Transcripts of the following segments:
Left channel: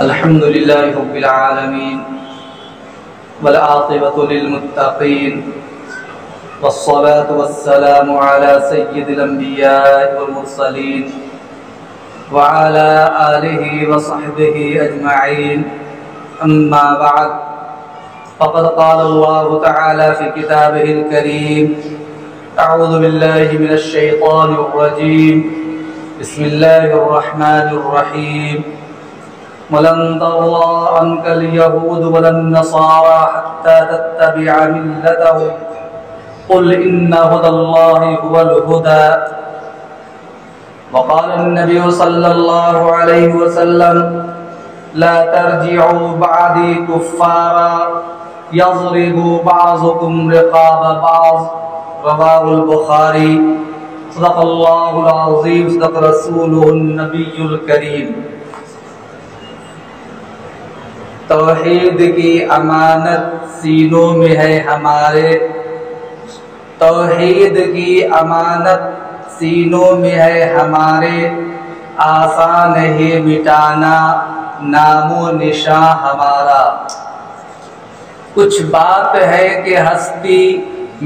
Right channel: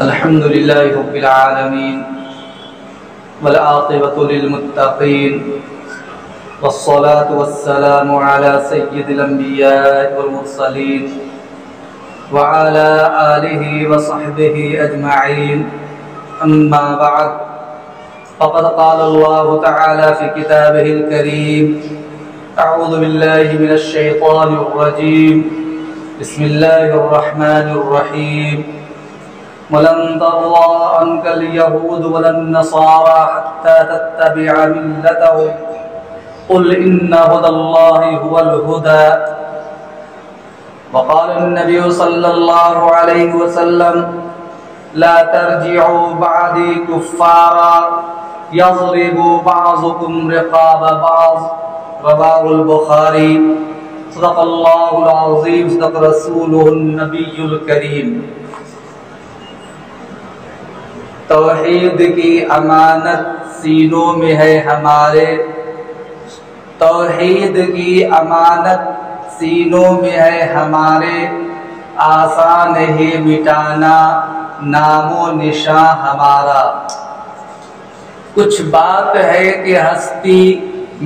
الحمد لله رب العالمين والعاقبة للمتقين والصلاة والسلام على سيد الأنبياء والمرسلين وعلى آله وصحبه أجمعين. أما بعد، فقد قال الله تعالى في كتابه الكريم: أعوذ بالله من الشيطان الرجيم، بسم الله الرحمن الرحيم. ولن ترضى عنك اليهود ولا النصارى حتى تتبع ملتهم قل إن هدى الله هو الهدى. وقال النبي صلى الله عليه وسلم: لا ترجعوا بعدي كفارا يضرب بعضكم رقاب بعض. رواه البخاری. صدق اللہ العظیم، صدق رسولہ النبی الکریم. توحید کی امانت سینوں میں ہے ہمارے، توحید کی امانت سینوں میں ہے ہمارے، آسان ہے مٹانا نام و نشاں ہمارا. کچھ بات ہے کہ ہستی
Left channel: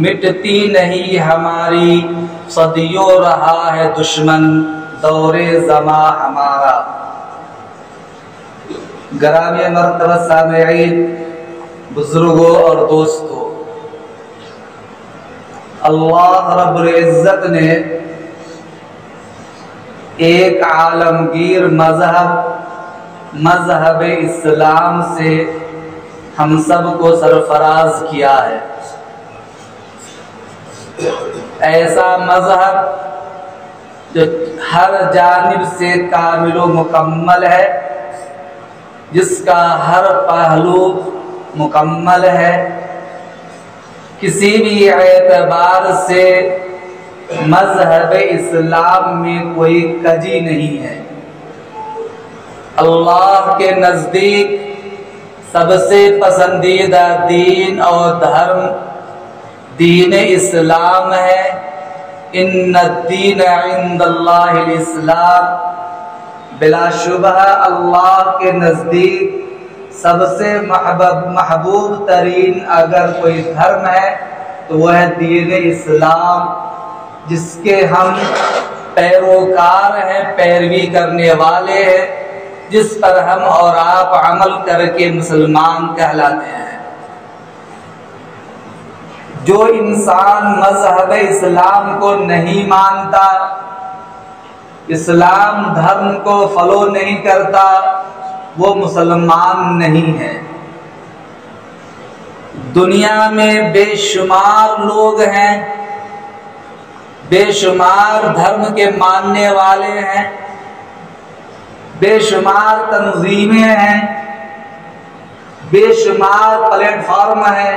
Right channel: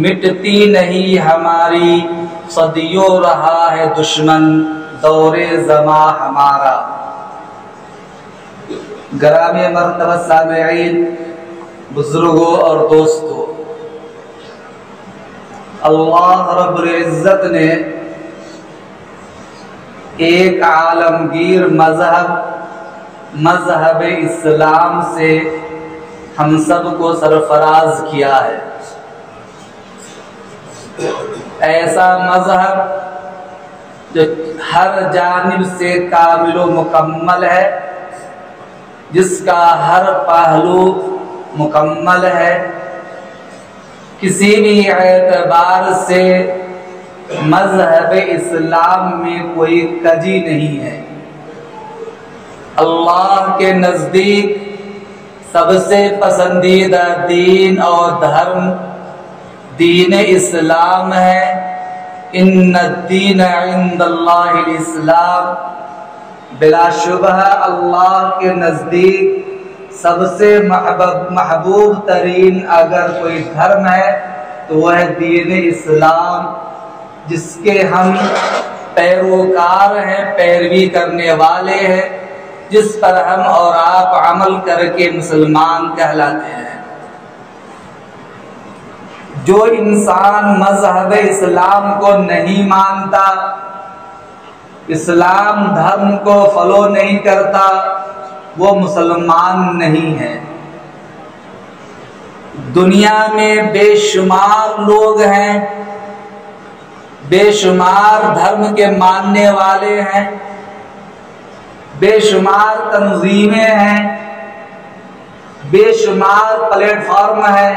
مٹتی نہیں ہماری، صدیوں رہا ہے دشمن دور زماں ہمارا. گرامی مرتبہ سامعین، بزرگوں اور دوستوں، اللہ رب العزت نے ایک عالمگیر مذہب اسلام سے ہم سب کو سرفراز کیا ہے. ایسا مذہب جو ہر جانب سے کامل و مکمل ہے، جس کا ہر پہلو مکمل ہے، کسی بھی اعتبار سے مذہب اسلام میں کوئی کجی نہیں ہے. اللہ کے نزدیک سب سے پسندیدہ دین اور دھرم دین اسلام ہے. ان الدین عند اللہ الاسلام. بلا شبہ اللہ کے نزدیک سب سے محبوب ترین اگر کوئی دھرم ہے تو وہ ہے دین اسلام، جس کے ہم پیروکار ہیں، پیروی کرنے والے ہیں، جس پر ہم اور آپ عمل کر کے مسلمان کہلاتے ہیں. جو انسان مذہب اسلام کو نہیں مانتا، اسلام دھرم کو فالو نہیں کرتا، وہ مسلمان نہیں ہے. دنیا میں بے شمار لوگ ہیں، بے شمار دھرم کے ماننے والے ہیں، بے شمار تنظیمیں ہیں، بے شمار پلیٹ فارم ہیں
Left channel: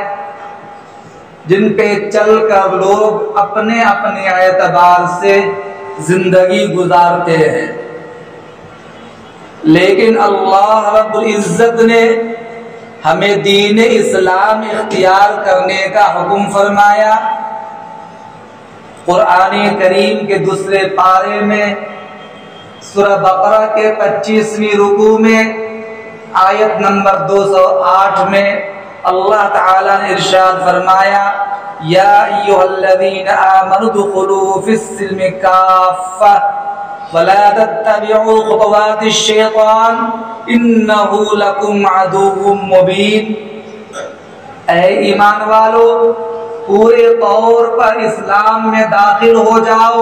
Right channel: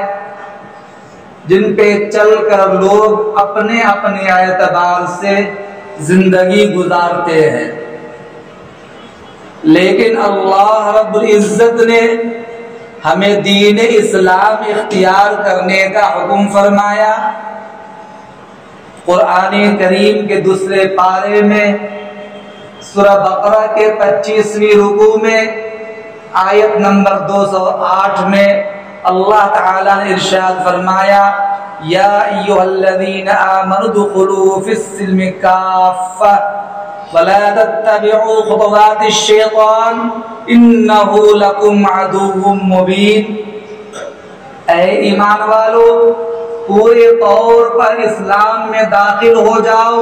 جن پہ چل کر لوگ اپنے اپنے اعتبار سے زندگی گزارتے ہیں. لیکن اللہ رب العزت نے ہمیں دین اسلام اختیار کرنے کا حکم فرمایا. قرآن کریم کے دوسرے پارے میں سورہ بقرہ کے 25ویں رکوع میں آیت نمبر 208 میں اللہ تعالی نے ارشاد فرمایا: یا ایھا الذین آمنوا ادخلوا فی السلم کافۃ ولا تتبعوا خطوات الشیطان انہ لکم عدو مبین. اے ایمان والو، پورے طور پر اسلام میں داخل ہو جاؤ.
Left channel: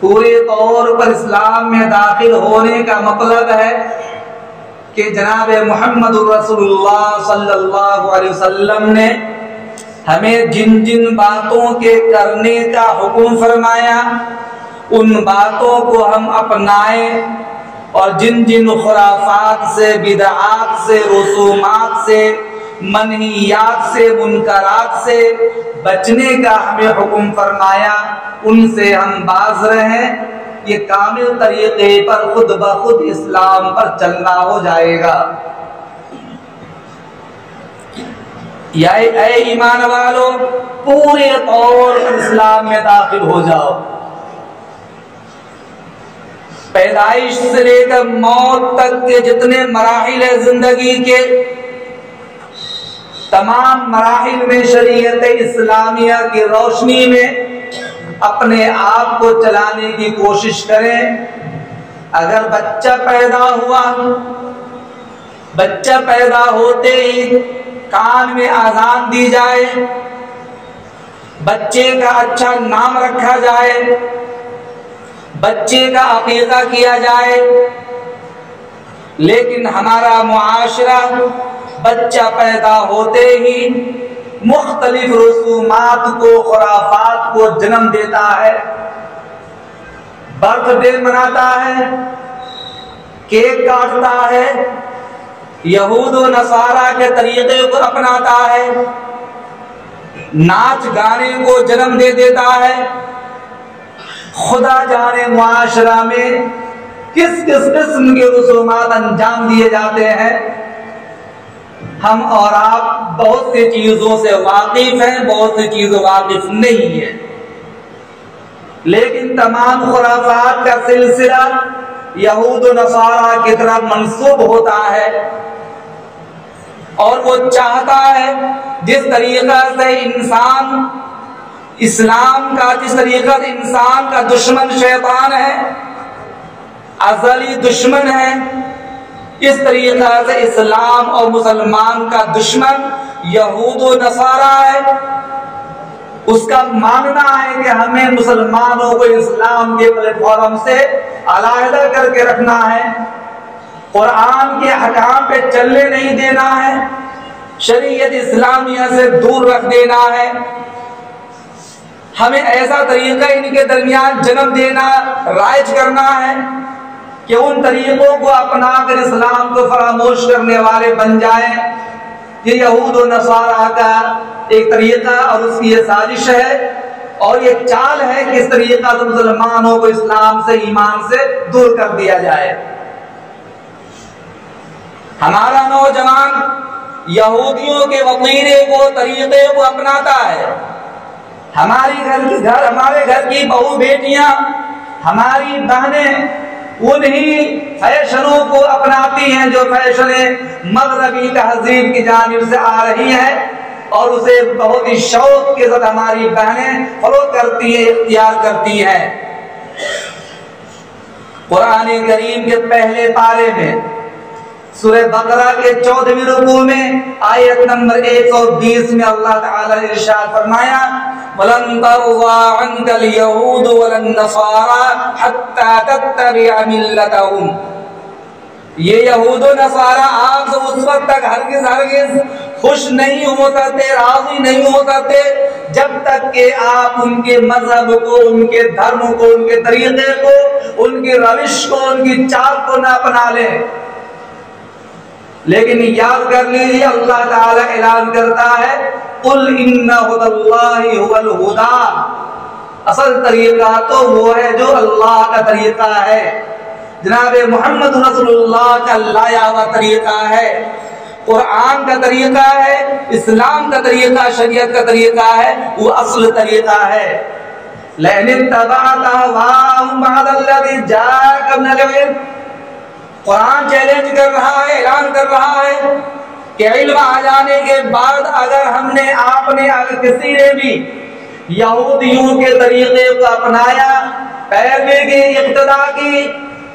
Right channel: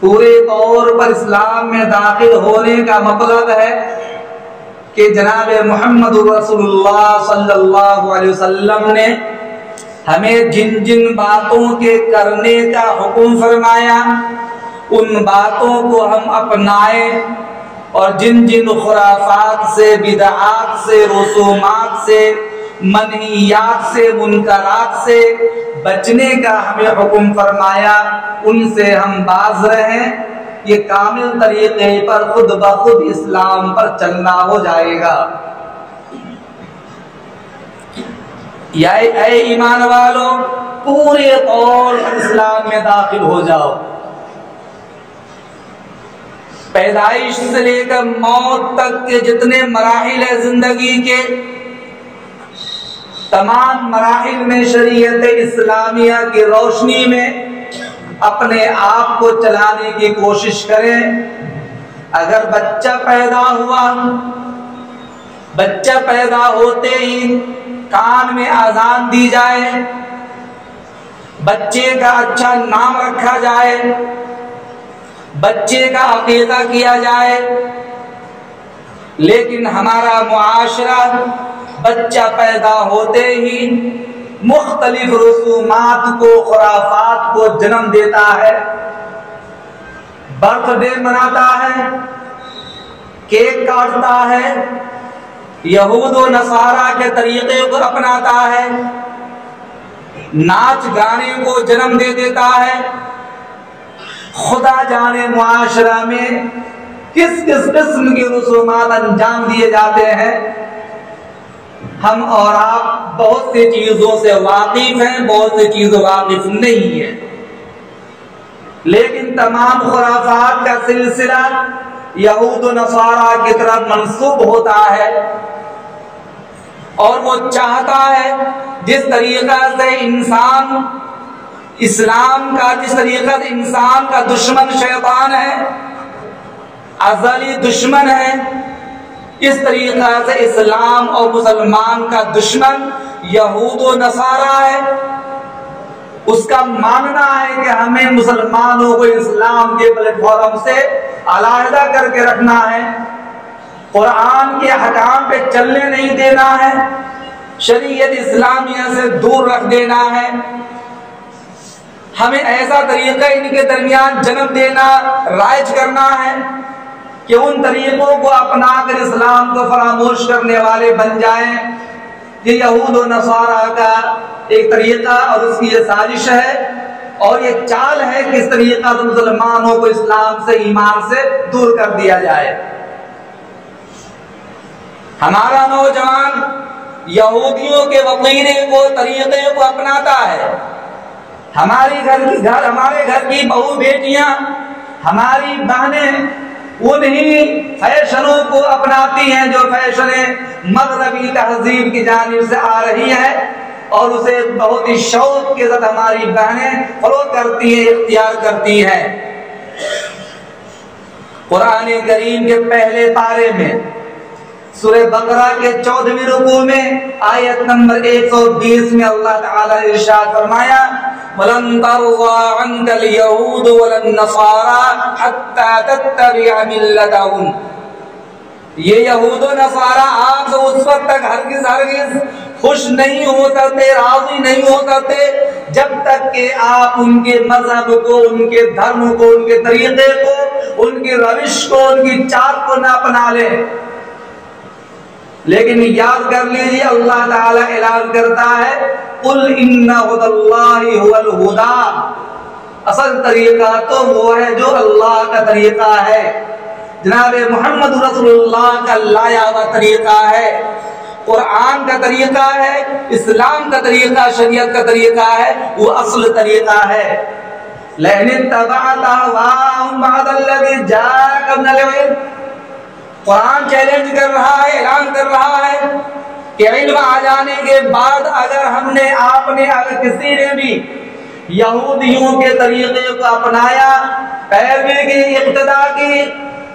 پورے طور پر اسلام میں داخل ہونے کا مطلب ہے کہ جناب محمد رسول اللہ صلی اللہ علیہ وسلم نے ہمیں جن جن باتوں کے کرنے کا حکم فرمایا، ان باتوں کو ہم اپنائیں، اور جن جن خرافات سے، بدعات سے، رسومات سے، منہیات سے، منکرات سے بچنے کا ہمیں حکم فرمایا، ان سے ہم باز رہیں. یہ کامل طریقے پر خود بخود اسلام پر چلنا ہو جائے گا. یا اے ایمان والو، پورے طور پر اسلام میں داخل ہو جاؤ. پیدائش سے لے کر موت تک کے جتنے مراحل ہیں زندگی کے، تمام مراحل میں شریعت اسلامیہ کی روشنی میں اپنے آپ کو چلانے کی کوشش کریں۔ اگر بچہ پیدا ہوا، بچہ پیدا ہوتے ہی کان میں اذان دی جائے، بچے کا اچھا نام رکھا جائے، بچے کا عقیقہ کیا جائے، لیکن ہمارا معاشرہ بچہ پیدا ہوتے ہی مختلف رسومات کو، خرافات کو جنم دیتا ہے، برتھ ڈے مناتا ہے، کیک کاٹتا ہے، یہود و نصارہ کے طریقے کو اپناتا ہے، ناچ گانے کو جنم دے دیتا ہے۔ خدا جانے معاشرہ میں کس کس قسم کے رسومات انجام دیے جاتے ہیں۔ ہم اور آپ بہت سی چیزوں سے واقف ہیں، بہت سی چیزوں واقف نہیں ہیں، لیکن تمام خرافات کا سلسلہ یہود و نصارہ کی طرف منسوب ہوتا ہے، اور وہ چاہتا ہے جس طریقہ سے انسان اسلام کا، جس طریقہ سے انسان کا دشمن شیطان ہے، ازلی دشمن ہے، اس طریقہ سے اسلام اور مسلمان کا دشمن یہود و نصارہ ہے۔ اس کا ماننا ہے کہ ہمیں مسلمانوں کو اسلام کے پلیٹ فارم سے علیحدہ کر کے رکھنا ہے، قرآن کے حکام پہ چلنے نہیں دینا ہے، شریعت اسلامیہ سے دور رکھ دینا ہے، ہمیں ایسا طریقہ ان کے درمیان جنم دینا، رائج کرنا ہے کہ ان طریقوں کو اپنا کر اسلام کو فراموش کرنے والے بن جائیں۔ یہ یہود و نصارہ کا ایک طریقہ اور اس کی یہ سازش ہے، اور یہ چال ہے کہ اس طریقہ سے مسلمانوں کو اسلام سے، ایمان سے دور کر دیا جائے۔ ہمارا نوجوان یہودیوں کے وطیرے کو، طریقے کو اپناتا ہے، ہمارے گھر کی بہو بیٹیاں، ہماری بہنیں انہی فیشنوں کو اپناتی ہیں جو فیشنیں مغربی تہذیب کی جانب سے آ رہی ہیں، اور اسے بہت ہی شوق کے ساتھ ہماری بہنیں فالو کرتی ہیں، اختیار کرتی ہیں۔ قرآن کریم کے پہلے پارے میں سورہ بقرہ کے 14ویں رکوع میں آیت نمبر 120 میں اللہ تعالی نے ارشاد فرمایا، وَلَن تَرْضَىٰ عَنْكَ الْيَهُودُ وَلَا النَّصَارَىٰ حَتَّىٰ تَتَّبِعَ مِلَّتَهُمْ۔ یہ یہود و نصارہ آپ سے اس وقت تک ہرگز خوش نہیں ہو سکتے، راضی نہیں ہو سکتے، جب تک کہ آپ ان کے مذہب کو، ان کے دھرم کو، ان کے طریقے کو، ان کی روش کو، ان کی چال کو نہ اپنا لیں۔ لیکن یاد کر لیجیے، اللہ تعالیٰ اعلان کرتا ہے، قُلْ إِنَّ هُدَى اللَّهِ هُوَ الْهُدَىٰ۔ اصل طریقہ تو وہ ہے جو اللہ کا طریقہ ہے، جناب محمد رسول اللہ کا لایا ہوا طریقہ ہے، قرآن کا طریقہ ہے، اسلام کا طریقہ، شریعت کا طریقہ ہے، وہ اصل طریقہ ہے۔ لَئِنِ اتَّبَعْتَ أَهْوَاءَهُمْ بَعْدَ الَّذِي جَاءَكَ مِنَ الْعِلْمِ۔ قرآن چیلنج کر رہا ہے، اعلان کر رہا ہے کہ علم آ جانے کے بعد اگر ہم نے، آپ نے، اگر کسی نے بھی یہودیوں کے طریقے کو اپنایا، پیروی کی، اقتدا کی،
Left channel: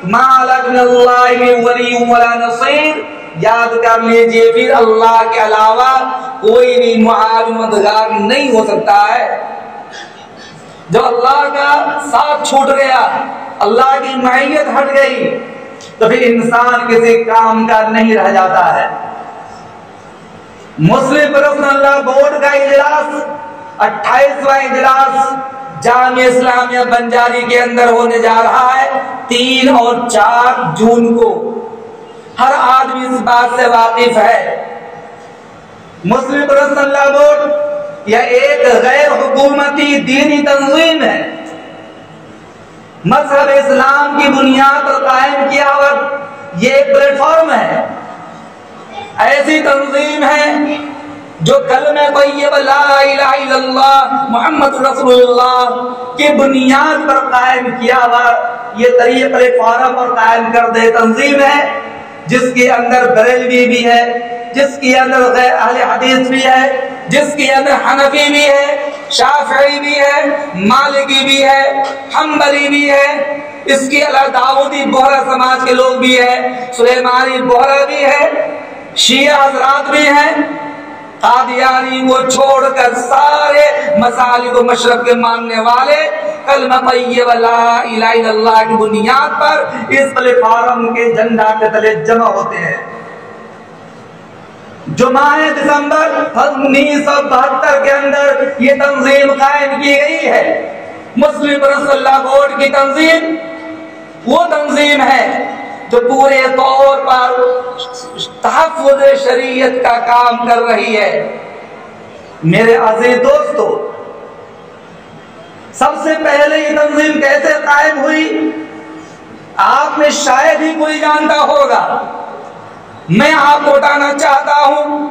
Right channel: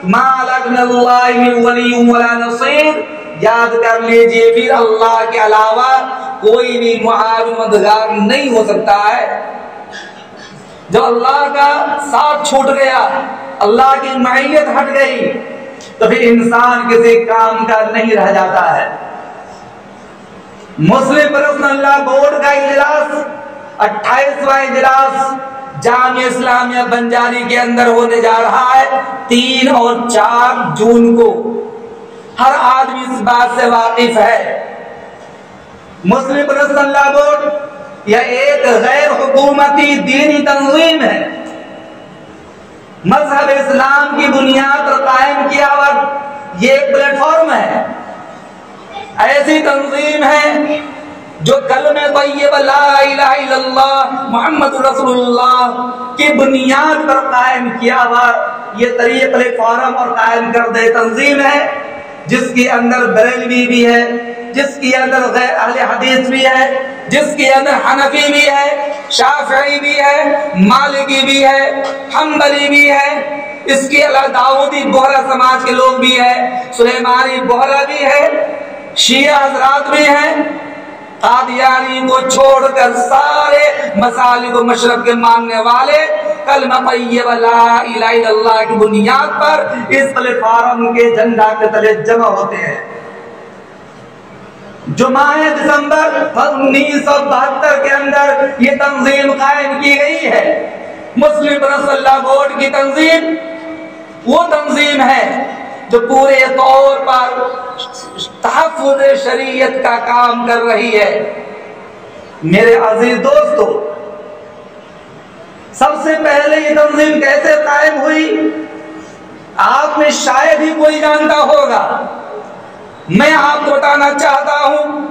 مَا لَكَ مِنَ اللَّهِ مِن وَلِيٍّ وَلَا نَصِيرٍ، یاد کر لیجئے پھر اللہ کے علاوہ کوئی بھی معاون مددگار نہیں ہو سکتا ہے۔ جب اللہ کا ساتھ چھوٹ گیا، اللہ کی معیت ہٹ گئی، تو پھر انسان کسی کام کا نہیں رہ جاتا ہے۔ مسلم پرسنل لا بورڈ کا اجلاس، 28واں اجلاس جامعہ اسلامیہ بنجاری کے اندر ہونے جا رہا ہے 3 اور 4 جون کو۔ ہر آدمی اس بات سے واقف ہے، مسلم پرسنل لا بورڈ یہ ایک غیر حکومتی دینی تنظیم ہے، مذہب اسلام کی بنیاد پر قائم کیا ہوا یہ ایک پلیٹ فارم ہے، ایسی تنظیم ہے جو کلمہ طیبہ لا الہ الا اللہ محمد رسول اللہ کی بنیاد پر قائم کیا ہوا یہ طریق پلیٹ فارم اور قائم کردہ تنظیم ہے جس کے اندر بریلوی بھی ہے، جس کے اندر غیر اہل حدیث بھی ہے، جس کے اندر حنفی بھی ہے، شافعی بھی ہے، مالکی بھی ہے، حنبلی بھی ہے، اس کے علاوہ داؤدی بوہرا سماج کے لوگ بھی ہیں، سلیمانی بوہرا بھی ہے، شیعہ حضرات بھی ہیں۔ قادیانی کو چھوڑ کر سارے مسالک و مشرب کے ماننے والے کلمہ طیبہ لا الہ الا اللہ کی بنیاد پر اس پلیٹ فارم کے جھنڈا کے تلے جمع ہوتے ہیں۔ جو ماہ دسمبر 1972 کے اندر یہ تنظیم قائم کی گئی ہے، مسلم پرسنل اللہ بورڈ کی تنظیم، وہ تنظیم ہے جو پورے طور پر تحفظ شریعت کا کام کر رہی ہے۔ میرے عزیز دوستو، سب سے پہلے یہ تنظیم کیسے قائم ہوئی آپ میں شاید ہی کوئی جانتا ہوگا، میں آپ کو بتانا چاہتا ہوں۔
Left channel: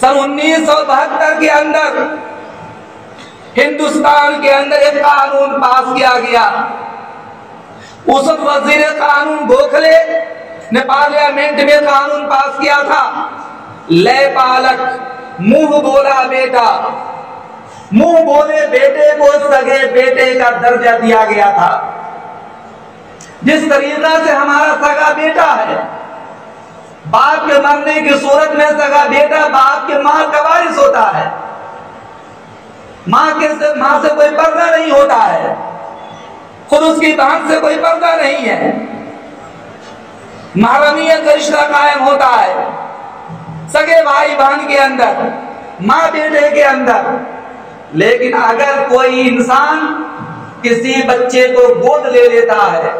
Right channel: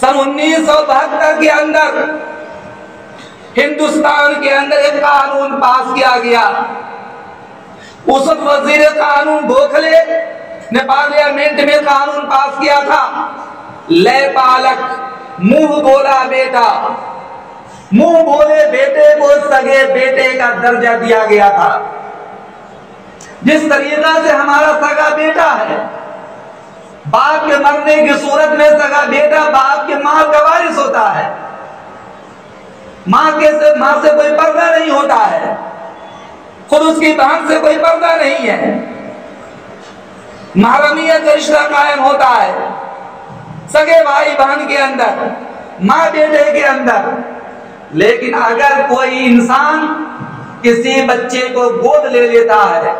سن 1972 کے اندر ہندوستان کے اندر ایک قانون پاس کیا گیا۔ اس وقت وزیر قانون گوکھلے نے پارلیمنٹ میں قانون پاس کیا تھا، لے پالک، منہ بولا بیٹا، منہ بولے بیٹے کو سگے بیٹے کا درجہ دیا گیا تھا۔ جس طریقہ سے ہمارا سگا بیٹا ہے، باپ کے مرنے کی صورت میں سگا بیٹا باپ کے مال کا وارث ہوتا ہے، ماں سے کوئی پردہ نہیں ہوتا ہے، خود اس کی بہن سے کوئی پردہ نہیں ہے، محرمیت کا رشتہ قائم ہوتا ہے سگے بھائی بہن کے اندر، ماں بیٹے کے اندر۔ لیکن اگر کوئی انسان کسی بچے کو گود لے لیتا ہے،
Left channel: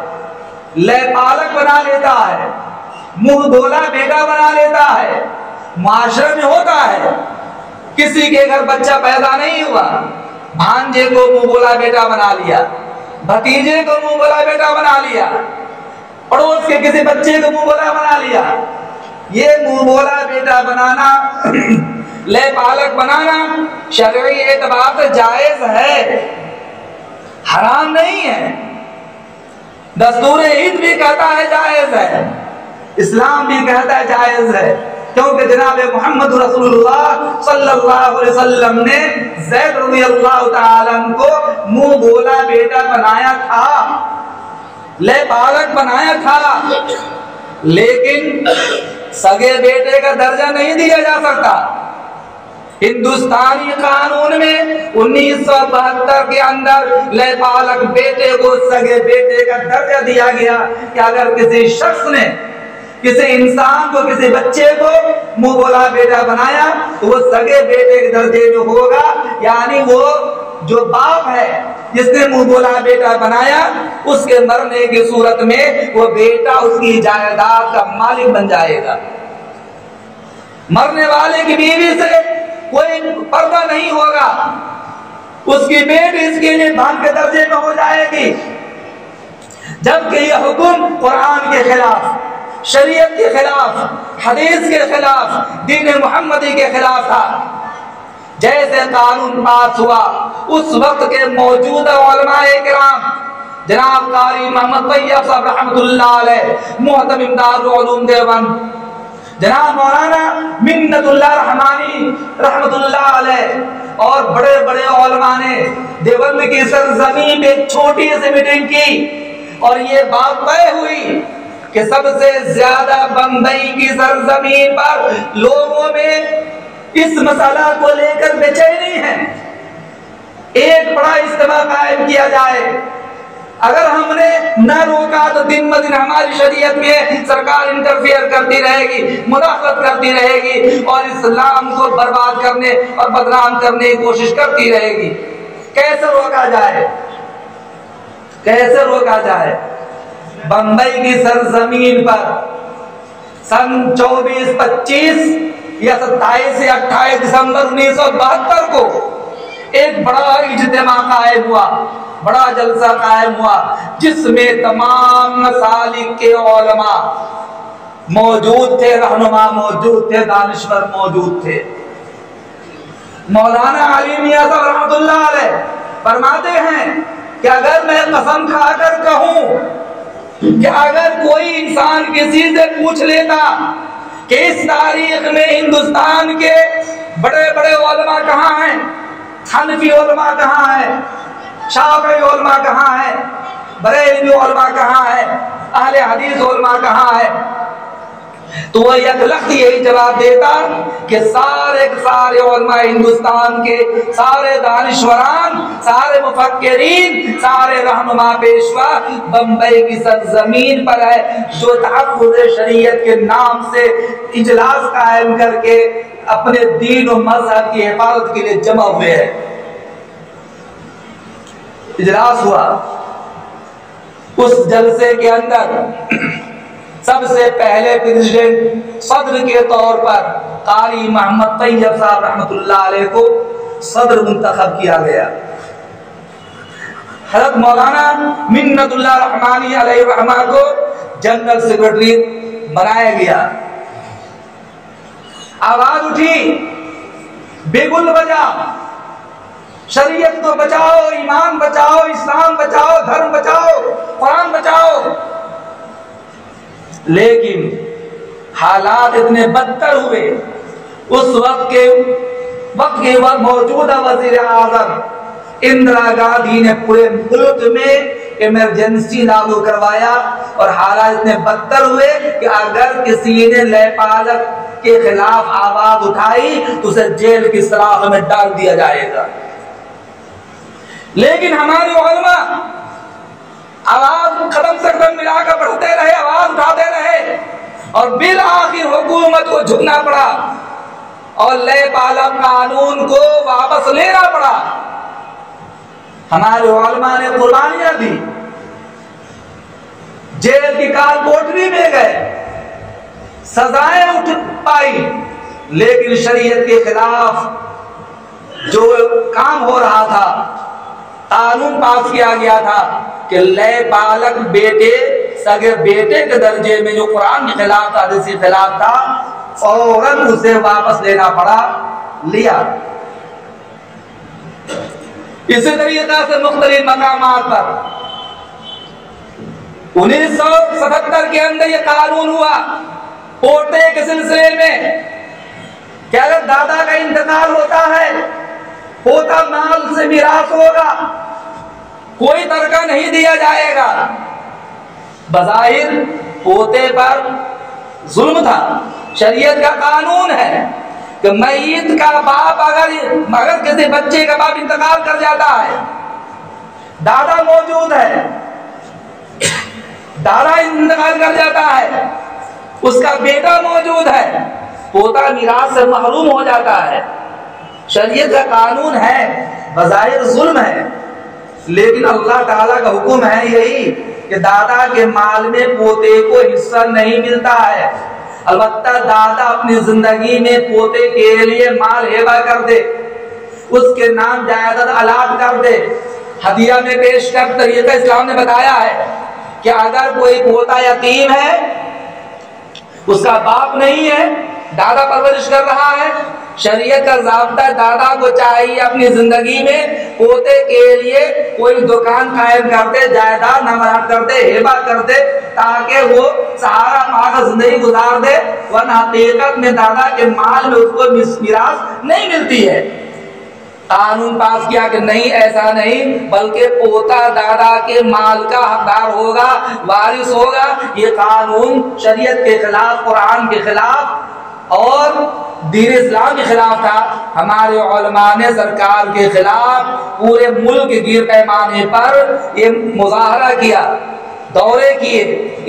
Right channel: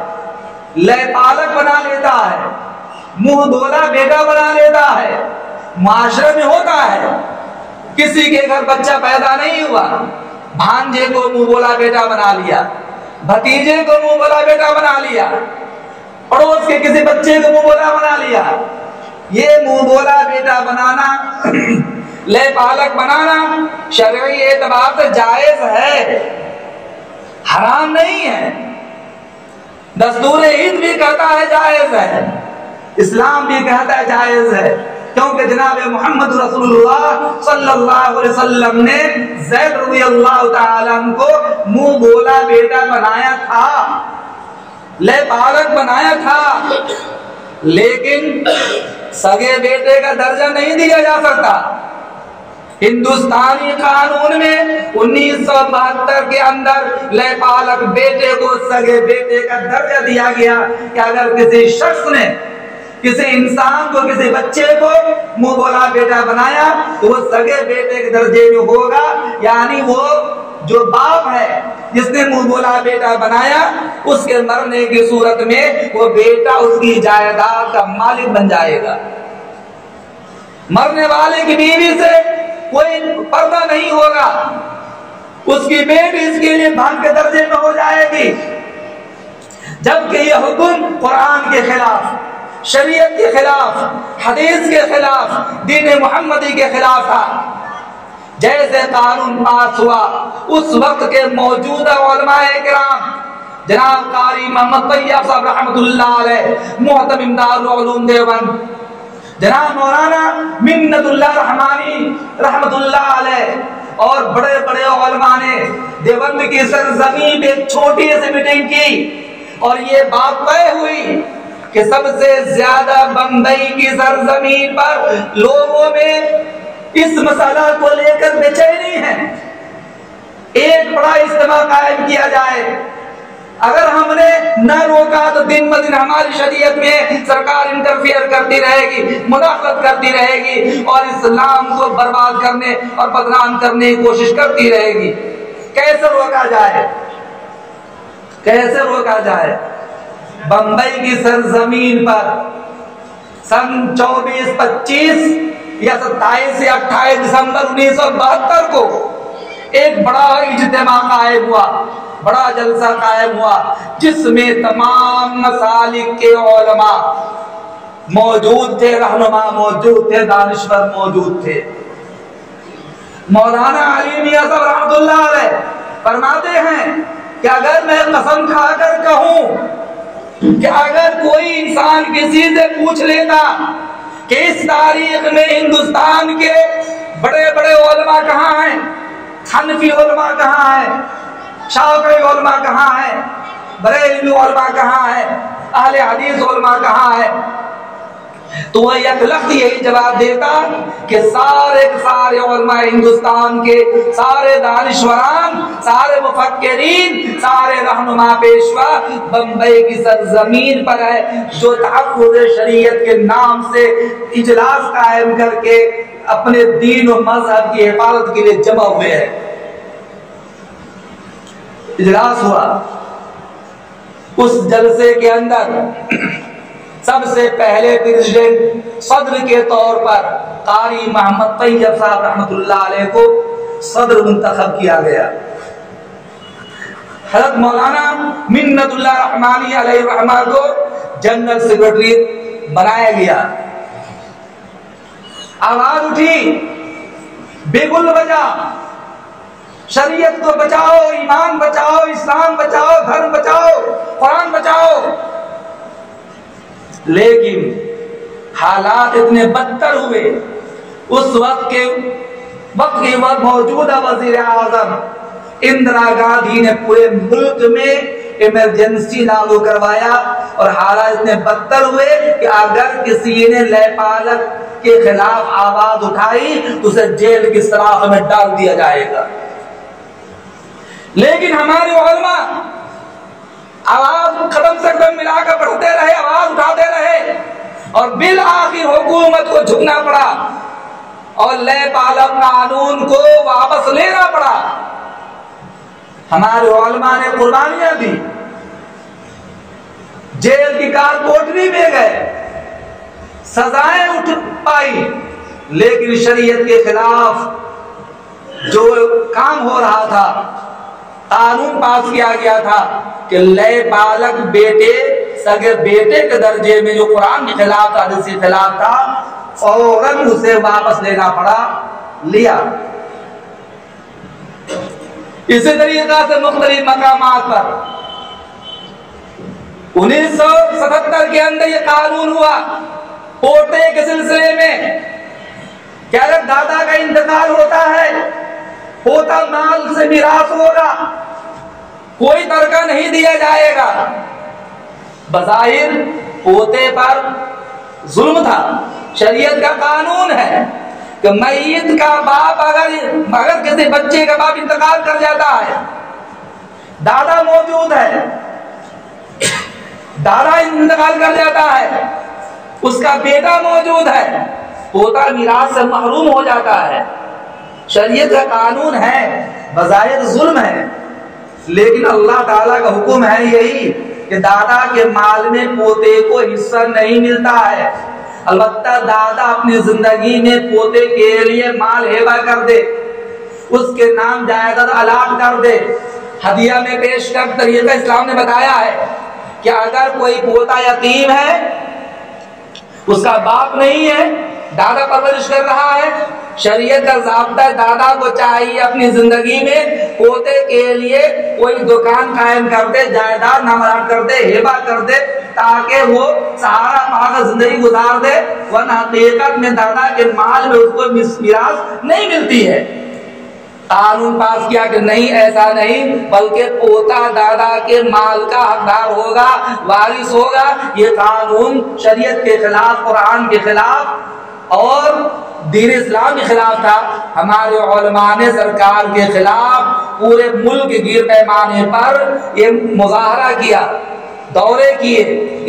لے پالک بنا لیتا ہے، منہ بولا بیٹا بنا لیتا ہے، معاشرے میں ہوتا ہے، کسی کے گھر بچہ پیدا نہیں ہوا، بھانجے کو منہ بولا بیٹا بنا لیا، بھتیجے کو منہ بولا بیٹا بنا لیا، پڑوس کے کسی بچے کو منہ بولا بنا لیا۔ یہ منہ بولا بیٹا بنانا، لے پالک بنانا شرعی اعتبار سے جائز ہے، حرام نہیں ہے۔ دستور عید بھی کہتا ہے جائز ہے، اسلام بھی کہتا ہے جائز ہے، کیونکہ جناب محمد رسول اللہ صلی اللہ علیہ وسلم نے زید رضی اللہ تعالیٰ عنہ کو منہ بولا بیٹا بنایا تھا، لے پالک بنایا تھا، لیکن سگے بیٹے کا درجہ نہیں دیا جا سکتا۔ ہندوستانی قانون میں 1972 کے اندر لے پالک بیٹے کو سگے بیٹے کا درجہ دیا گیا کہ اگر کسی شخص نے کسی انسان کو کسی بچے کو منہ بولا بیٹا بنایا تو وہ سگے بیٹے کے درجے میں ہوگا، یعنی وہ جو باپ ہے جس نے منہ بولا بیٹا بنایا اس کے مرنے کی صورت میں وہ بیٹا اس کی جائیداد کا مالک بن جائے گا۔ مرنے والے کی بیوی سے کوئی پردہ نہیں ہوگا، اس کی بیٹی اس کے لیے بہن کے درجے میں ہو جائے گی، جبکہ یہ حکم قرآن کے خلاف، شریعت کے خلاف، حدیث کے خلاف، دین محمدی کے خلاف تھا۔ جیسے قانون پاس ہوا اس وقت کے موجودہ علماء کرام جناب قاری محمد طیب صاحب رحمۃ اللہ علیہ، محتمم دارالعلوم دیوبند، جناب مولانا منت اللہ رحمانی رحمۃ اللہ علیہ اور بڑے بڑے علماء نے دیوبند کی سرزمین پہ چھوٹی سی میٹنگ کی اور یہ بات طے ہوئی کہ سب سے زیادہ بمبئی کی سرزمین پر لوگوں میں اس مسئلہ کو لے کر بے چینی ہے، ایک بڑا اجتماع قائم کیا جائے۔ اگر ہم نے نہ روکا تو دن بدن ہماری شریعت میں سرکار انٹرفیئر کرتی رہے گی، مداخلت کرتی رہے گی اور اسلام کو برباد کرنے اور بدنام کرنے کی کوشش کرتی رہے گی۔ کیسے روکا جائے؟ کیسے روکا جائے؟ بمبئی کی سرزمین پر سن 24، 25 یا 27 یا 28 دسمبر 1972 کو ایک بڑا اجتماع قائم ہوا، بڑا جلسہ قائم ہوا جس میں تمام مسالک کے علماء موجود تھے، رہنما موجود تھے، دانشور موجود تھے۔ مولانا علی میاں صاحب رحمۃ اللہ علیہ فرماتے ہیں کہ کہ اگر میں قسم کھا کر کہوں کہ اگر کوئی انسان کسی سے پوچھ لیتا کہ اس تاریخ میں ہندوستان کے بڑے بڑے علماء کہاں ہیں، حنفی علماء کہاں ہیں، شافعی علماء کہاں ہیں، بریلوی علماء کہاں ہیں، اہل حدیث علماء کہاں ہیں، تو وہ یک لفظ یہی جواب دیتا کہ سارے علماء ہندوستان کے، سارے دانشوران، سارے مفکرین، سارے رہنما پیشوا بمبئی کی سرزمین پر ہے، جو تحفظ شریعت کے نام سے اجلاس قائم کر کے اپنے دین و مذہب کی حفاظت کے لیے جمع ہوئے ہیں۔ اجلاس ہوا، اس جلسے کے اندر سب سے پہلے پریزیڈنٹ صدر کے طور پر قاری محمد طیب صاحب رحمۃ اللہ علیہ کو صدر منتخب کیا گیا۔ حضرت مولانا منت اللہ رحمانی علیہ الرحمہ کو جنرل سیکرٹری بنایا گیا۔ آواز اٹھی بگل بجا، شریعت کو بچاؤ، ایمان بچاؤ، اسلام بچاؤ، دھرم بچاؤ، قرآن بچاؤ۔ لیکن حالات اتنے بدتر ہوئے، اس وقت کے موجودہ وزیر اعظم اندرا گاندھی نے پورے ملک میں ایمرجنسی لاگو کروایا، اور حالات اتنے بدتر ہوئے کہ اگر کسی نے لے پالک کے خلاف آواز اٹھائی تو اسے جیل کی سلاخ میں ڈال دیا جائے گا۔ لیکن ہمارے علماء آواز قدم سے قدم ملا کر بڑھتے رہے، آواز اٹھاتے رہے، اور بالآخر حکومت کو جھکنا پڑا اور لے پالک قانون کو واپس لینا پڑا۔ ہمارے علماء نے قربانیاں دی، جیل کی کال کوٹری میں گئے، سزائیں اٹھ پائی، لیکن شریعت کے خلاف جو کام ہو رہا تھا، قانون پاس کیا گیا تھا کہ لے پالک بیٹے، سگے بیٹے کے درجے میں جو قرآن کے خلاف تھا، حدیث کے خلاف تھا، فوراً اسے واپس لینا پڑا، لیا۔ اسی طریقہ سے مختلف مقامات پر 1977 کے اندر یہ قانون ہوا پوتے کے سلسلے میں کہ اگر دادا کا انتقال ہوتا ہے، پوتا مال سے میراث ہوگا، کوئی ترکہ نہیں دیا جائے گا۔ بظاہر پوتے پر ظلم تھا، شریعت کا قانون ہے کہ میت کا باپ اگر کسی بچے کا باپ انتقال کر جاتا ہے، دادا موجود ہے، دادا انتقال کر جاتا ہے، اس کا بیٹا موجود ہے، پوتا میراث سے محروم ہو جاتا ہے۔ شریعت کا قانون ہے، بظاہر ظلم ہے، لیکن اللہ تعالیٰ کا حکم ہے یہی کہ دادا کے مال میں پوتے کو حصہ نہیں ملتا ہے۔ البتہ دادا اپنی زندگی میں پوتے کے لیے مال ہیبہ کر دے، اس کے نام جائیداد الاٹ کر دے، ہدیہ میں پیش کر۔ طریقہ اسلام نے بتایا ہے کہ اگر کوئی پوتا یتیم ہے، اس کا باپ نہیں ہے، دادا پرورش کر رہا ہے، شریعت کا ضابطہ دادا کو چاہیے اپنی زندگی میں پوتے کے لیے کوئی دکان قائم کر دے، جائیداد نامراد کر دے، ہیبہ کر دے، تاکہ وہ سہارا پا کر زندگی گزار دے، ورنہ حقیقت میں دادا کے مال میں اس کو میراث نہیں ملتی ہے۔ قانون پاس کیا کہ نہیں، ایسا نہیں، بلکہ پوتا دادا کے مال کا حقدار ہوگا، وارث ہوگا۔ یہ قانون شریعت کے خلاف، قرآن کے خلاف اور دین اسلام کے خلاف تھا۔ ہمارے علماء نے سرکار کے خلاف پورے ملک گیر پیمانے پر یہ مظاہرہ کیا، دورے کیے،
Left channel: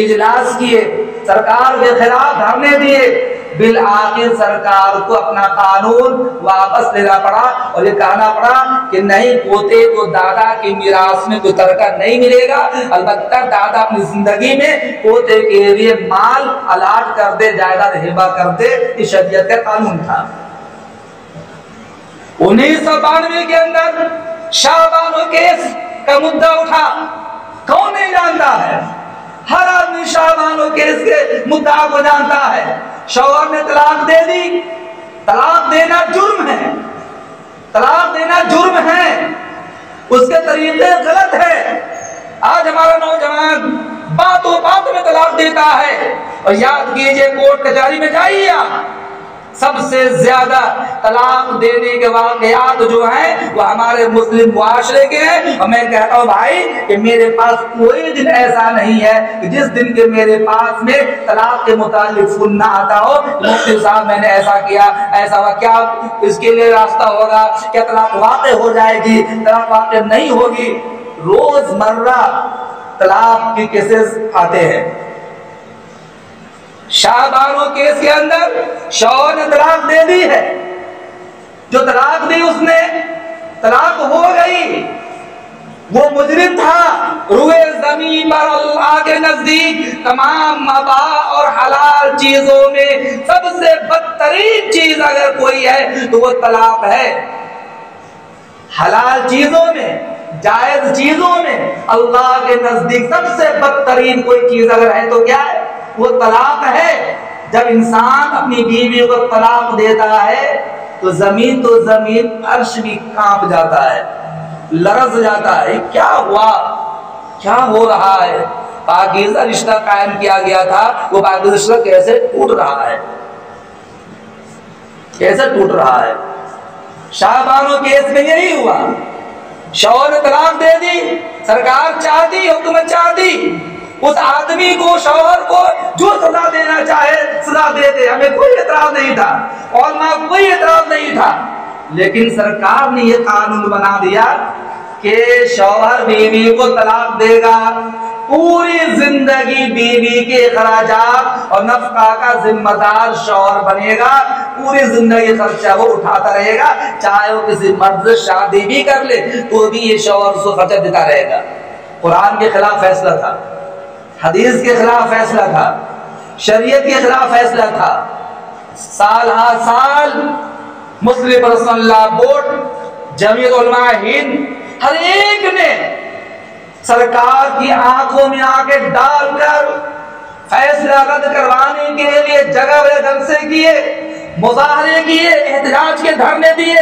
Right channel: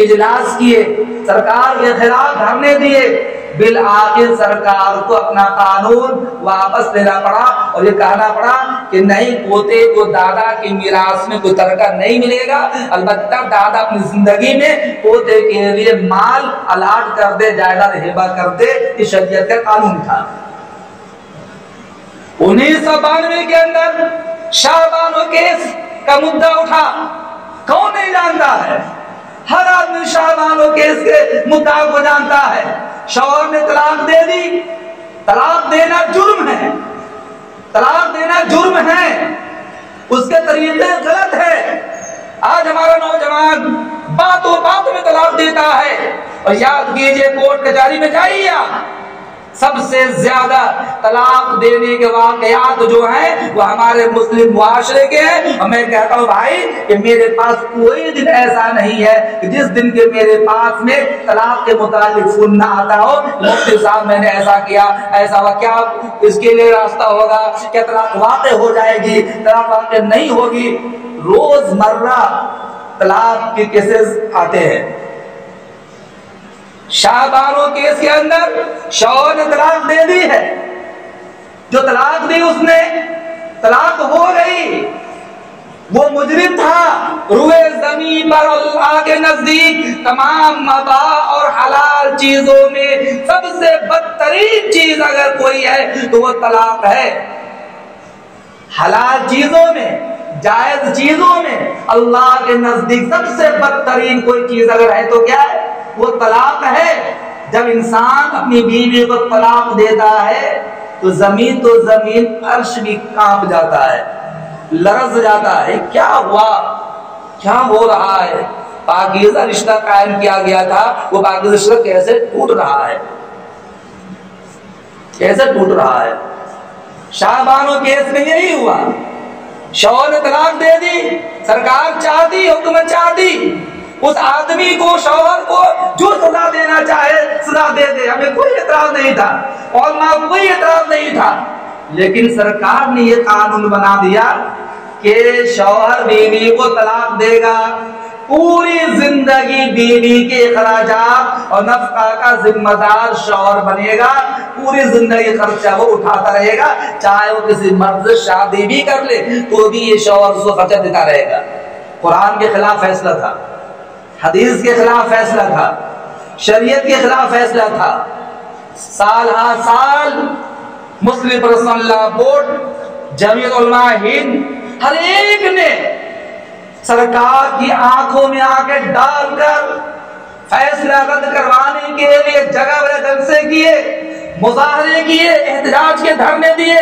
اجلاس کیے، سرکار کے خلاف دھرنے دیے۔ بالآخر سرکار کو اپنا قانون واپس لینا پڑا اور یہ کہنا پڑا کہ نہیں، پوتے کو دادا کی میراث میں کوئی ترکہ نہیں ملے گا، البتہ دادا اپنی زندگی میں پوتے کے لیے مال الاٹ کر دے، جائیداد ہیبہ کر دے۔ یہ شریعت کا قانون تھا۔ 1992 کے اندر شاہ بانو کیس کا مدعا اٹھا، کون نہیں جانتا ہے؟ ہر آدمی شاہ بانو کیس کے مدعا کو جانتا ہے۔ شوہر نے طلاق دے دی، طلاق دینا جرم ہے، طلاق دینا جرم ہے، اس کے طریقے غلط ہے۔ آج ہمارا نوجوان باتوں بات میں طلاق دیتا ہے، اور یاد کیجئے کورٹ کچہری میں جائیے آپ، سب سے زیادہ طلاق دینے کے واقعات جو ہیں وہ ہمارے مسلم معاشرے کے ہیں۔ اور میں کہتا ہوں بھائی کہ میرے پاس کوئی دن ایسا نہیں ہے کہ جس دن کے میرے پاس میں طلاق کے متعلق فون نہ آتا ہو، مفتی صاحب میں نے ایسا کیا، ایسا ہوا، کیا اس کے لیے راستہ ہوگا، کیا طلاق واقع ہو جائے گی، طلاق واقع نہیں ہوگی۔ روز مرہ طلاق کے کیسز آتے ہیں۔ شاہ بانو کیس کے اندر شوہر نے طلاق دے دی ہے، جو طلاق دی اس نے، طلاق ہو گئی، وہ مجرم تھا، روئے زمین پر اللہ کے نزدیک تمام مباح اور حلال چیزوں میں سب سے بدترین چیز اگر کوئی ہے تو وہ طلاق ہے۔ حلال چیزوں میں، جائز چیزوں میں اللہ کے نزدیک سب سے بدترین کوئی چیز اگر ہے تو کیا ہے؟ وہ طلاق ہے۔ جب انسان اپنی بیوی کو طلاق دیتا ہے تو زمین عرش بھی کانپ جاتا ہے، لرز جاتا ہے، کیا ہوا، کیا ہو رہا ہے؟ پاکیزہ رشتہ قائم کیا گیا تھا، وہ پاکیزہ رشتہ کیسے ٹوٹ رہا ہے، کیسے ٹوٹ رہا ہے۔ شاہ بانو کیس میں یہی ہوا، شوہر نے طلاق دے دی، سرکار چاہتی، حکومت چاہتی اس آدمی کو، شوہر کو جو سزا دینا چاہے سزا دے دے، ہمیں کوئی اعتراض نہیں تھا، علماء کوئی اعتراض نہیں تھا، لیکن سرکار نے یہ قانون بنا دیا کہ شوہر بیوی کو طلاق دے گا، پوری زندگی بیوی کے اخراجات اور نفقہ کا ذمہ دار شوہر بنے گا، پوری زندگی خرچہ وہ اٹھاتا رہے گا، چاہے وہ کسی مرد سے شادی بھی کر لے تو بھی یہ شوہر اس کو خرچہ دیتا رہے گا۔ قرآن کے خلاف فیصلہ تھا، حدیث کے خلاف فیصلہ تھا، شریعت کے خلاف فیصلہ تھا۔ سال ہا سال مسلم پرسنل لا بورڈ، جمعیت علماء ہند، ہر ایک نے سرکار کی آنکھوں میں آنکھیں ڈال کر فیصلہ رد کروانے کے لیے جگہ بجا جلسے کیے، مظاہرے کیے، احتجاج کے دھرنے دیے،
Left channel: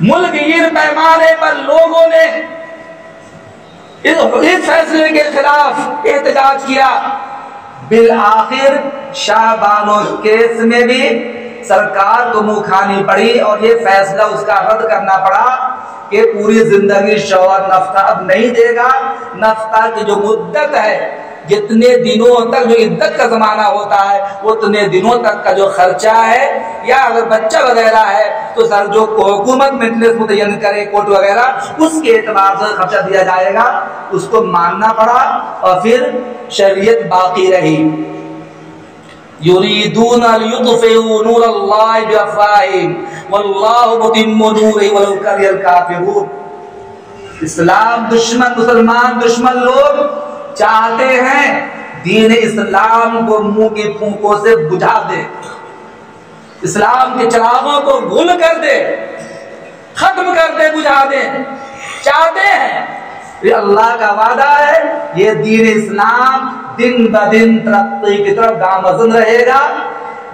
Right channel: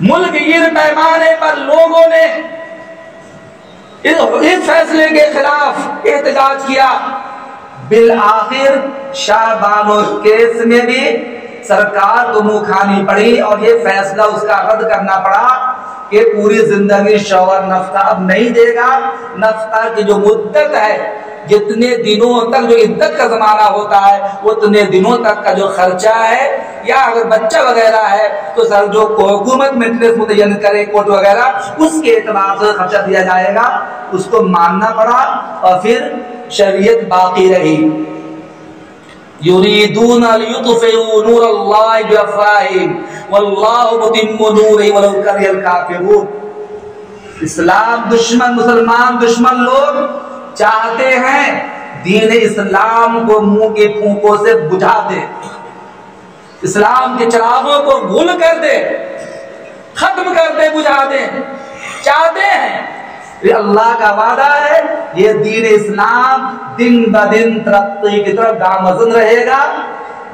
ملک گیر پیمانے پر لوگوں نے اس فیصلے کے خلاف احتجاج کیا۔ بالآخر شاہ بانو کیس میں بھی سرکار کو منہ کھانی پڑی اور یہ فیصلہ اس کا رد کرنا پڑا کہ پوری زندگی شوہر نفقہ اب نہیں دے گا، نفقہ کی جو مدت ہے، جتنے دنوں تک جو عدت کا زمانہ ہوتا ہے اتنے دنوں تک کا جو خرچہ ہے، یا اگر بچہ وغیرہ ہے تو سر جو حکومت مجلس متعین کرے کورٹ وغیرہ اس کے اعتبار سے خرچہ دیا جائے گا، اس کو ماننا پڑا اور پھر شریعت باقی رہی۔ یریدون لیطفئوا نور اللہ بافواہہم واللہ متم نورہ ولو کرہ الکافرون۔ اسلام دشمن، مسلمان دشمن لوگ چاہتے ہیں دین اسلام کو منہ کی پھونکوں سے بجھا دے، اسلام کے چراغوں کو گل کر دے، ختم کر دے، بجھا دے، چاہتے ہیں۔ یہ اللہ کا وعدہ ہے، یہ دین اسلام دن بدن ترقی کی طرف گامزن رہے گا،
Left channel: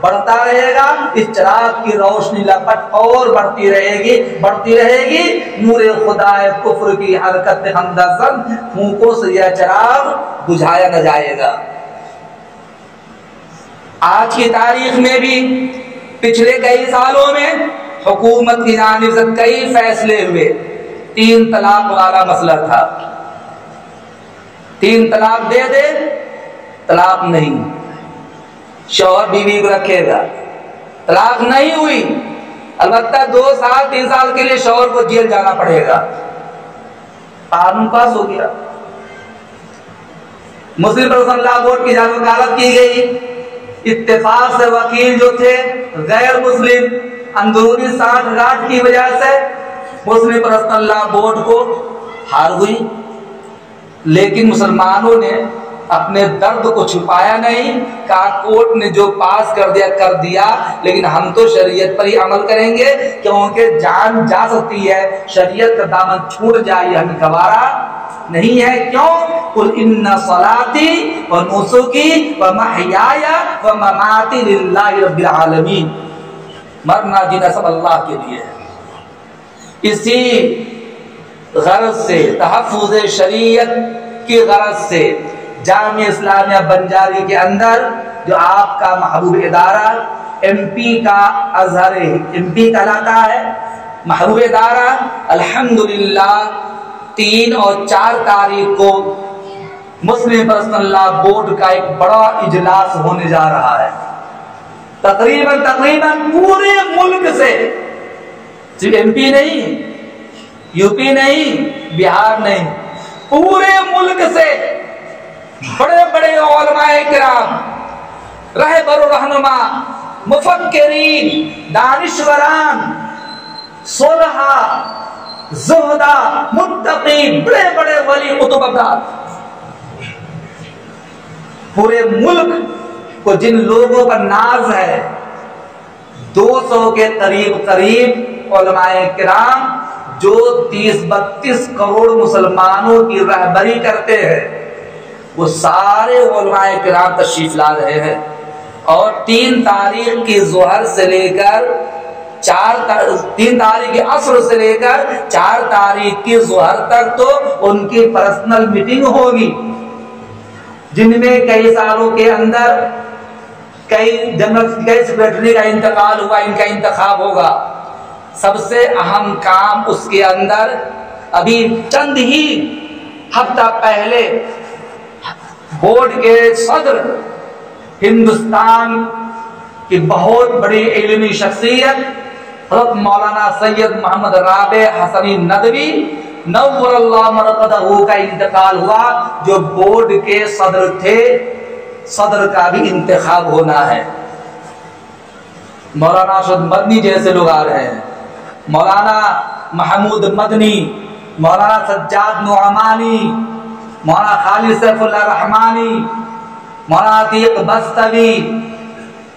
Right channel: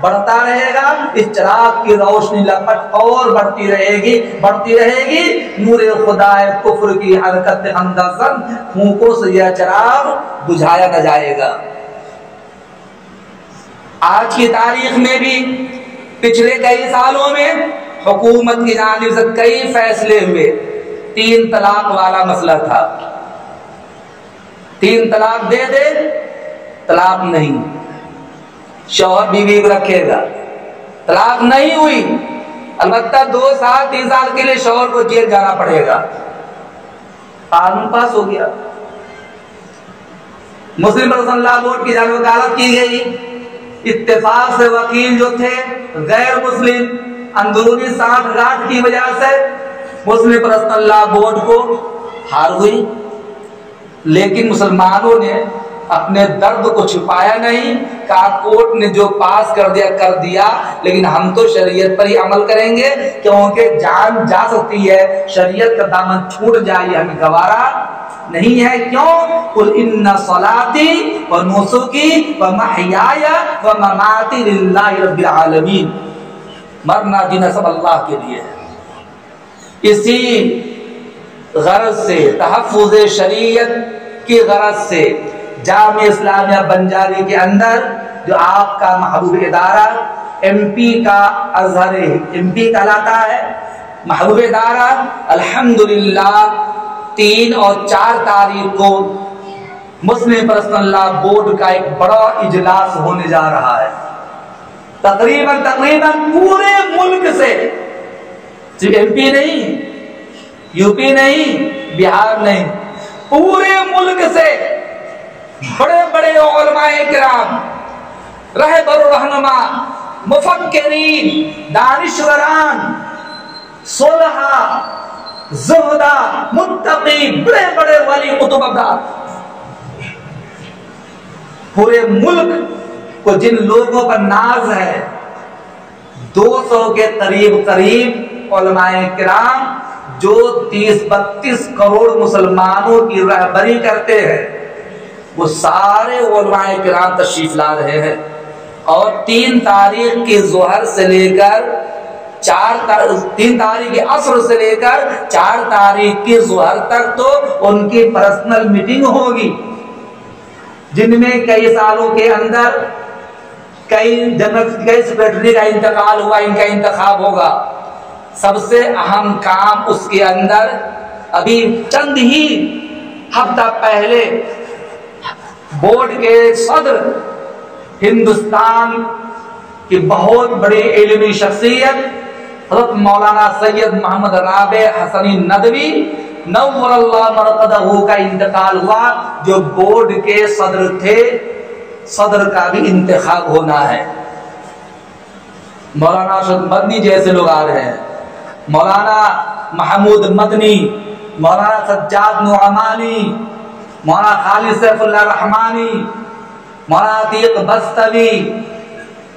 بڑھتا رہے گا، اس چراغ کی روشنی لپٹ اور بڑھتی رہے گی، بڑھتی رہے گی۔ نور خدا کفر کی حرکت اندازن پھونکوں سے یہ چراغ بجھایا نہ جائے گا۔ آج کی تاریخ میں بھی پچھلے کئی سالوں میں حکومت کی جانب سے کئی فیصلے ہوئے۔ 3 طلاق والا مسئلہ تھا، 3 طلاق دے دے، طلاق نہیں، شوہر بیوی کو رکھے گا، طلاق نہیں ہوئی البتہ 2 سال 3 سال کے لیے شوہر کو جیل جانا پڑے گا۔ قانون پاس ہو گیا، مسلم پرسنل لا بورڈ کی جانب وکالت کی گئی، اتفاق سے وکیل جو تھے غیر مسلم اندرونی سانٹھ گانٹھ کی وجہ سے مسلم پرسنل لا بورڈ کو ہار ہوئی، لیکن مسلمانوں نے اپنے درد کو چھپایا نہیں، کہا کورٹ نے جو پاس کر دیا کر دیا، لیکن ہم تو شریعت پر ہی عمل کریں گے، کیونکہ جان جا سکتی ہے، شریعت کا دامن چھوٹ جائے ہمیں گوارا نہیں ہے۔ کیوں؟ قل ان صلاتی و نسکی و محیای و مماتی للہ رب العالمین، مرنا جینا سب اللہ کے لیے ہے۔ اسی غرض سے، تحفظ شریعت کی غرض سے جامعہ اسلامیہ بنجاری کے اندر جو آپ کا محبوب ادارہ ایم پی کا ازہر ایم پی کہلاتا ہے، محبوب ادارہ الحمدللہ 3 اور 4 تاریخ کو مسلم پرسنل لا بورڈ کا ایک بڑا اجلاس ہونے جا رہا ہے۔ تقریباً پورے ملک سے، صرف ایم پی نہیں، یو پی نہیں، بہار نہیں، پورے ملک سے بڑے بڑے علماء کرام، رہبر و رہنما، مفکرین، دانشوران، صلحاء، زہداء، متقی، بڑے بڑے ولی قطب افراد، پورے ملک کو جن لوگوں پر ناز ہے، 200 کے قریب علماء کرام جو 30-32 کروڑ مسلمانوں کی رہبری کرتے ہیں، وہ سارے علماء کرام تشریف لا رہے ہیں۔ اور 3 تاریخ کی ظہر سے لے کر 3 تاریخ کی عصر سے لے کر 4 تاریخ کی ظہر تک تو ان کی پرسنل میٹنگ ہوگی، جن میں کئی سالوں کے اندر کئی سیکریٹری کا انتقال ہوا، ان کا انتخاب ہوگا۔ سب سے اہم کام اس کے اندر ابھی چند ہی ہفتہ پہلے بورڈ کے صدر، ہندوستان کی بہت بڑی علمی شخصیت حضرت مولانا سید محمد رابع حسنی ندوی نور اللہ مرقدہ کا انتقال ہوا، جو بورڈ کے صدر تھے۔ صدر کا بھی انتخاب ہونا ہے۔ مولانا ارشد مدنی جیسے لوگ آ رہے ہیں، مولانا محمود مدنی، مولانا سجاد نعمانی، مولانا خالد سیف اللہ رحمانی، مولانا عتیق بستوی،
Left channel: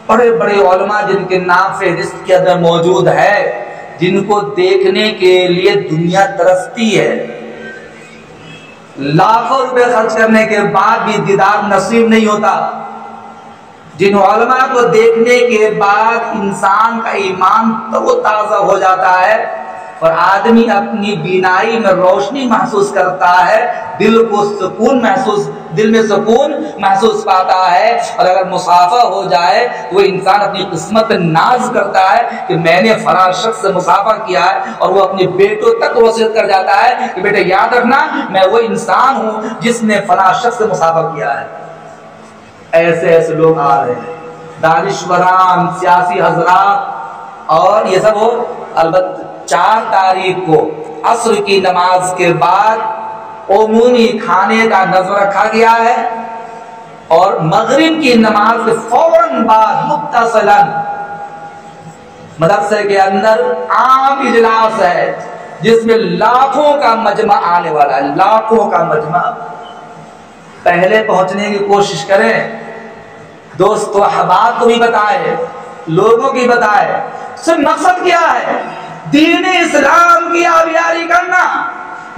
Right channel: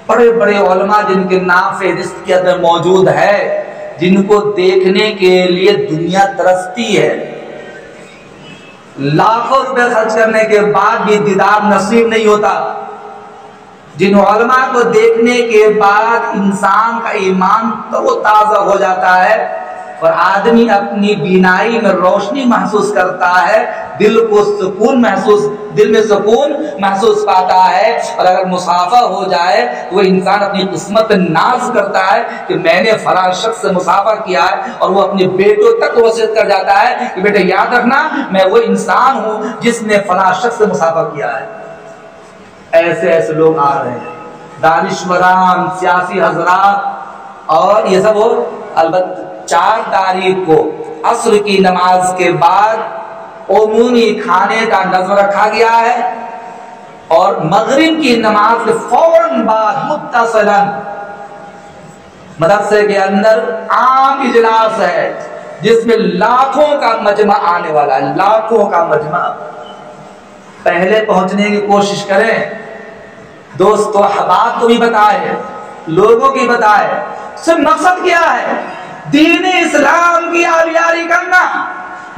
بڑے بڑے علماء جن کے نام فہرست کے اندر موجود ہے، جن کو دیکھنے کے لیے دنیا ترستی ہے۔ لاکھوں روپے خرچ کرنے کے بعد بھی دیدار نصیب نہیں ہوتا۔ جن علماء کو دیکھنے کے بعد انسان کا ایمان تو تازہ ہو جاتا ہے اور آدمی اپنی بینائی میں روشنی محسوس کرتا ہے، دل میں سکون محسوس پاتا ہے۔ اور اگر مصافحہ ہو جائے تو وہ انسان اپنی قسمت پہ ناز کرتا ہے کہ میں نے فلاں شخص سے مصافحہ کیا ہے، اور وہ اپنے بیٹوں تک وصیت کر جاتا ہے کہ بیٹے یاد رکھنا میں وہ انسان ہوں جس نے فلاں شخص سے مصافحہ کیا ہے۔ ایسے لوگ آ رہے ہیں، دانشوران، سیاسی حضرات، اور یہ سب ہو۔ البتہ 4 تاریخ کو عصر کی نماز کے بعد عمومی کھانے کا نظم رکھا گیا ہے، اور مغرب کی نماز کے فوراً بعد متصلاً مدرسے کے اندر عام اجلاس ہے، جس میں لاکھوں کا مجمع آنے والا ہے، لاکھوں کا مجمع۔ پہلے پہنچنے کی کوشش کریں، دوست و احباب کو بھی بتائے، لوگوں کی بتائے۔ صرف مقصد کیا ہے؟ دین اسلام کی آبیاری کرنا،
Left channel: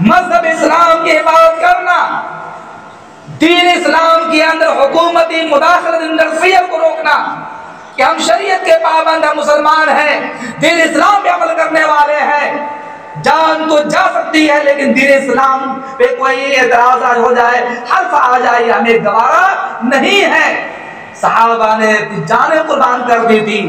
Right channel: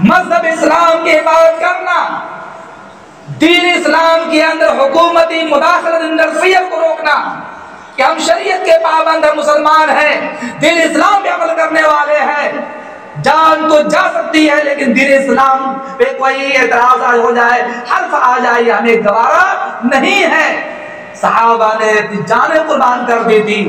مذہب اسلام کی حفاظت کرنا، دین اسلام کے اندر حکومتی مداخلت انٹرفیئر کو روکنا، کہ ہم شریعت کے پابند ہیں، مسلمان ہیں، دین اسلام پہ عمل کرنے والے ہیں۔ جان تو جا سکتی ہے، لیکن دین اسلام پہ کوئی اعتراض ہو جائے، حرف آ جائے، ہمیں گوارا نہیں ہے۔ صحابہ نے جانیں قربان کر دی تھی،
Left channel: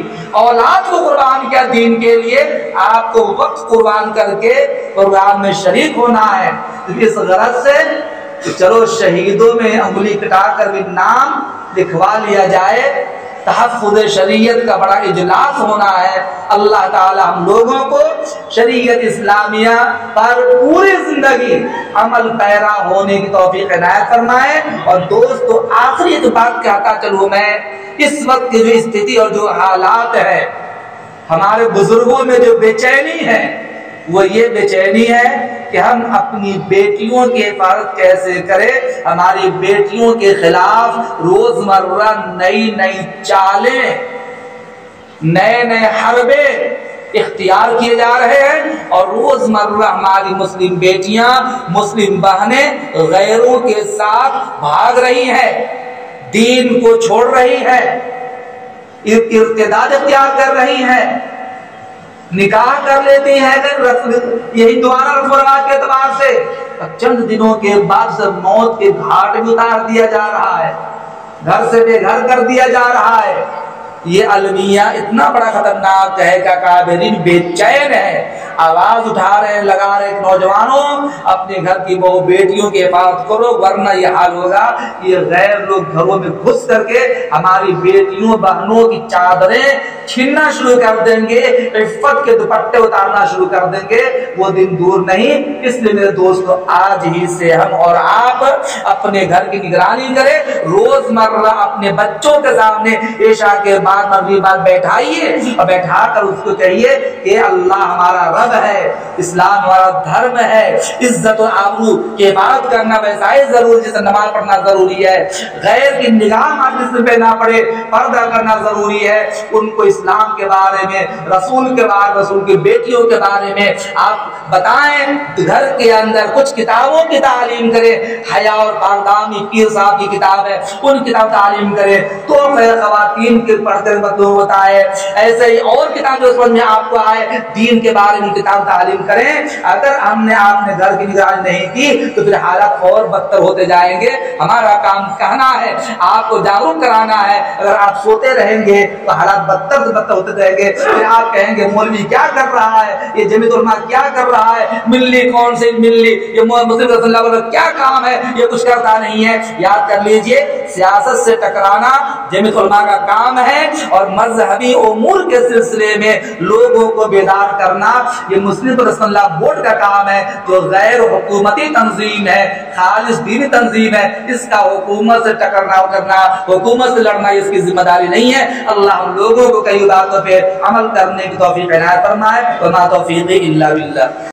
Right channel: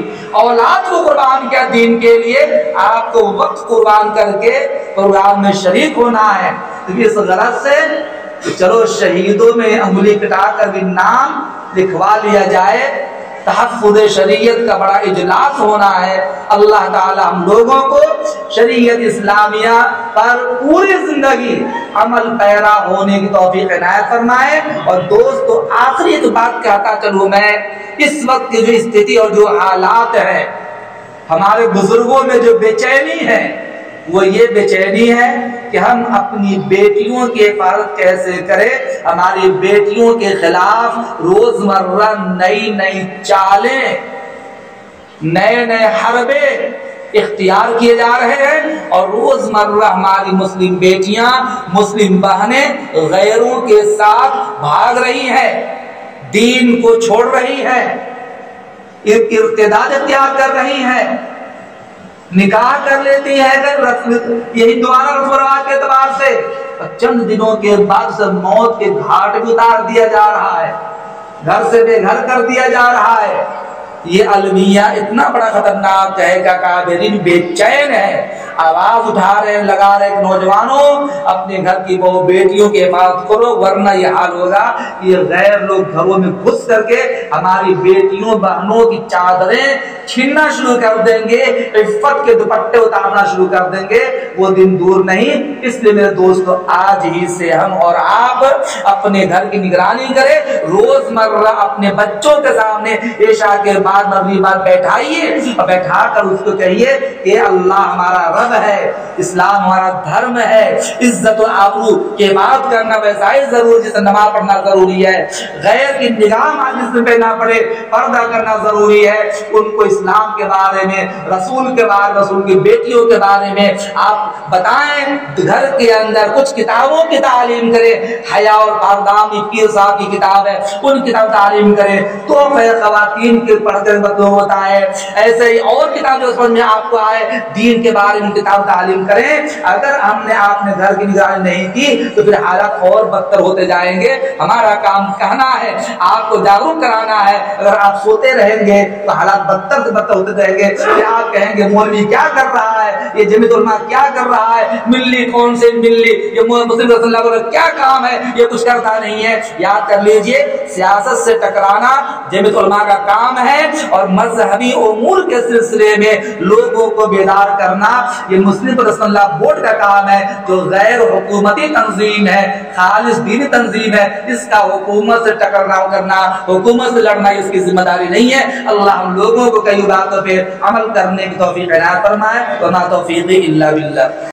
اولاد کو قربان کیا دین کے لیے، آپ کو وقت قربان کر کے قرآن میں شریک ہونا ہے۔ اس غرض سے چلو شہیدوں میں انگلی کٹا کر بھی نام لکھوا لیا جائے۔ تحفظ شریعت کا بڑا اجلاس ہونا ہے۔ اللہ تعالی ہم لوگوں کو شریعت اسلامیہ پر پوری زندگی عمل پیرا ہونے کی توفیق عنایت فرمائے۔ اور دوستو آخری ایک بات کہتا چلوں میں، اس وقت کی جو استھتی اور جو حالات ہے، ہمارے بزرگوں میں جو بے چینی ہے وہ یہ بے چینی ہے کہ ہم اپنی بیٹیوں کی حفاظت کیسے کریں۔ ہماری بیٹیوں کے خلاف روزمرہ نئی چالیں، نئے حربے اختیار کیے جا رہے ہیں، اور روزمرہ ہماری مسلم بیٹیاں، مسلم بہنیں غیروں کے ساتھ بھاگ رہی ہیں، دین کو چھوڑ رہی ہیں، ارتداد اختیار کر رہی ہیں۔ نکاح کر لیتی ہیں یہ ہندوانہ رسم و رواج کے اعتبار سے، چند دنوں کے بعد سے موت کے گھاٹ بھی اتار دیا جا رہا ہے، گھر سے بے گھر کر دیا جا رہا ہے۔ یہ المیہ اتنا بڑا خطرناک ہے کہ کابرین بے چین ہے، آواز اٹھا رہے ہیں، لگا رہے ہیں نوجوانوں اپنے گھر کی بہو بیٹیوں کی حفاظت کرو، ورنہ یہ حال ہوگا یہ غیر لوگ گھروں میں گھس کر کے ہماری بیٹیوں بہنوں کی چادریں چھیننا شروع کر دیں گے، عفت کے دوپٹے اتارنا شروع کر دیں گے، وہ دن دور نہیں۔ اس لیے میرے دوستو آج ہی سے ہم اور آپ اپنے گھر کی نگرانی کریں، روزمرہ اپنے بچوں کے سامنے عشاء کے بعد مغرب بعد بیٹھائیے اور بیٹھا کر اس کو کہیے کہ اللہ ہمارا رب ہے، اسلام ہمارا دھرم ہے، عزت و آبرو کی حفاظت کرنا ویسا ہی ضروری جیسے نماز پڑھنا ضروری ہے، غیر کی نگاہ مجلس پہ نہ پڑے، پردہ کرنا ضروری ہے۔ ان کو اسلام کے بارے میں، رسول کے بارے میں، رسول کی بیٹیوں کے بارے میں آپ بتائیں، گھر کے اندر کچھ کتابوں کی تعلیم کریں، حیا اور پاکدامنی پیر صاحب کی کتاب ہے ان کتاب تعلیم کریں، تو خواتین کے پڑھ کر بتائے، ایسے ہی اور کتاب جو سمجھ میں آپ کو آئے دین کے بارے میں کتاب تعلیم کریں۔ اگر ہم نے آپ نے گھر کی نگرانی نہیں کی تو پھر حالات اور بدتر ہوتے جائیں گے۔ ہمارا کام کہنا ہے، آپ کو جاگروک کرانا ہے، اگر آپ سوتے رہیں گے تو حالات بدتر سے بدتر ہوتے رہیں گے، پھر آپ کہیں گے مولوی کیا کر رہا ہے، یہ جمعیت علماء کیا کر رہا ہے، ملی کون سے ملی، یہ مسلم رسول اللہ کا کیا کام ہے، یہ کچھ کرتا نہیں ہے۔ یاد کر لیجئے سیاست سے ٹکرانا جمعیت علماء کا کام ہے، اور مذہبی امور کے سلسلے میں لوگوں کو بیدار کرنا یہ مسلم رسول اللہ بورڈ کا کام ہے، جو غیر حکومتی تنظیم ہے، خالص دینی تنظیم ہے، اس کا حکومت سے ٹکرانا کرنا، حکومت سے لڑنا اس کی ذمہ داری نہیں ہے۔ اللہ ہم لوگوں کو کئی باتوں پہ عمل کرنے کی توفیق عنایت فرمائے، وما توفیقی الا باللہ۔